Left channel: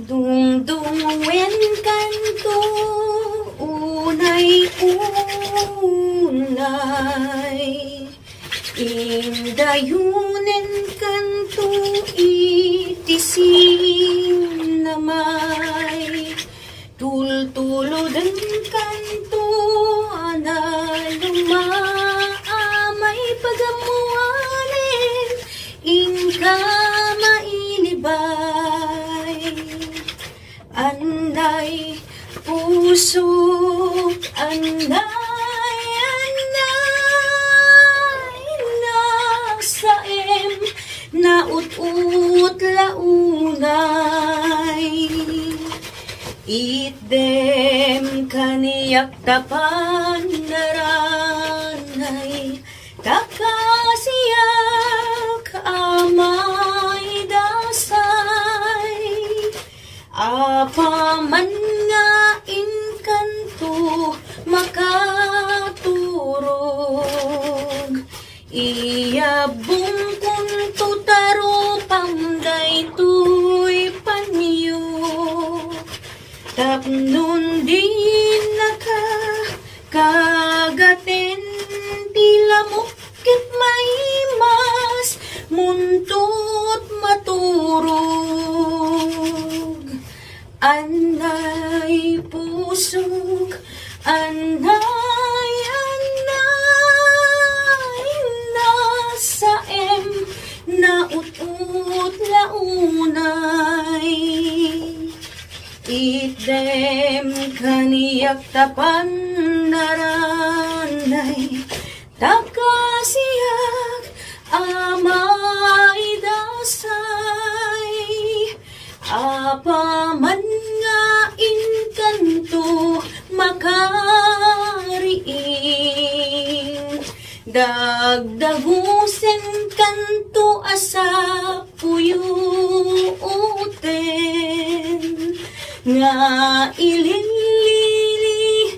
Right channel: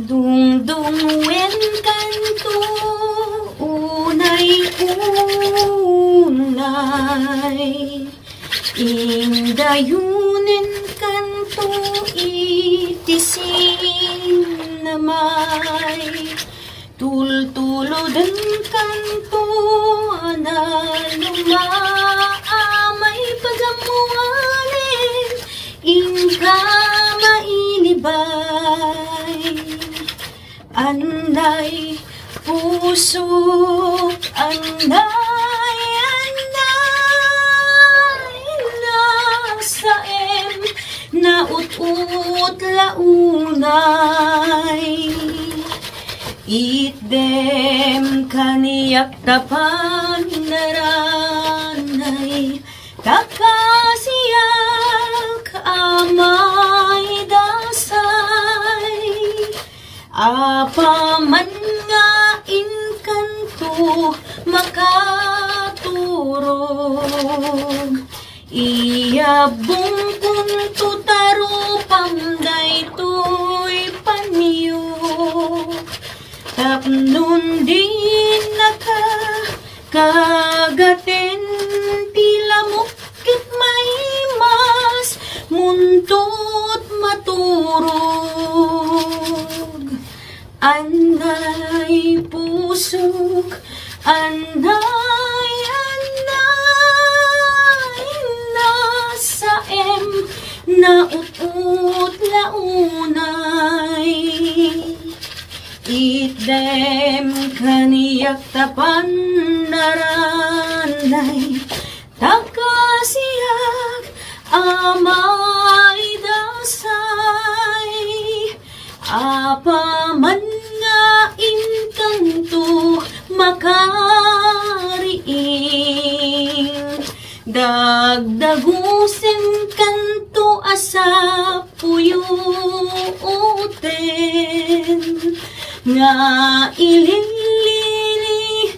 Dungdungwen kanto, unay-unay. Indayunen kanto, itisin namay. Tultulodan kanto, analumaamay pagamuanin, ingka mainibay. Anay pusok, anay, nasaem, naut-ut launay. Itdem kaniyak tapan naranay, kakasiyak amay dasay. Apaman nga inkanto makaturog, iyabong kunto taro pamday to'y panyo. Tapnon din naka kagaten tila mukit maimas muntot maturog. Anay pusok, anay, nasaem, naut-ut launay. Itdem kaniyak tapan naranay, takasiyak amay dasay. Apaman nga inkanto makariing, dagdagusen kanto asa puyuten. Nga ililili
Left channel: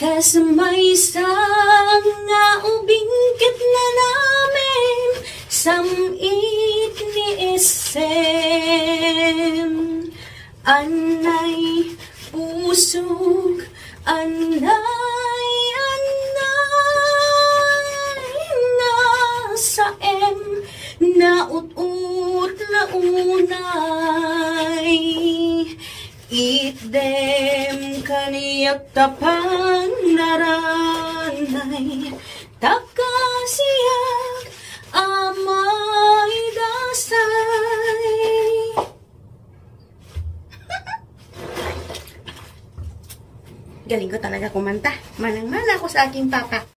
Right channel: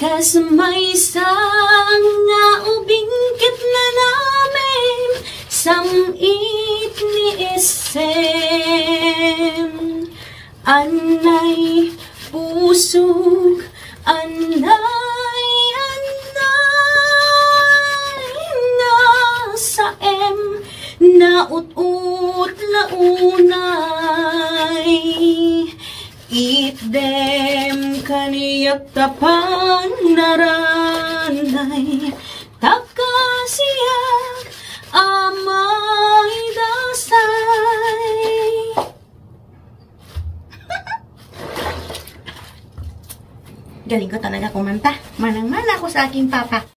kasmay sang nga ubingkit na namin samit ni isem. Anay pusok, anay, nasaem, naut-ut launay. Itdem kaniyak tapan naranay, takasiyak amay dasay. Galing ko talaga kumanta. Manang-mana ako sa aking papa.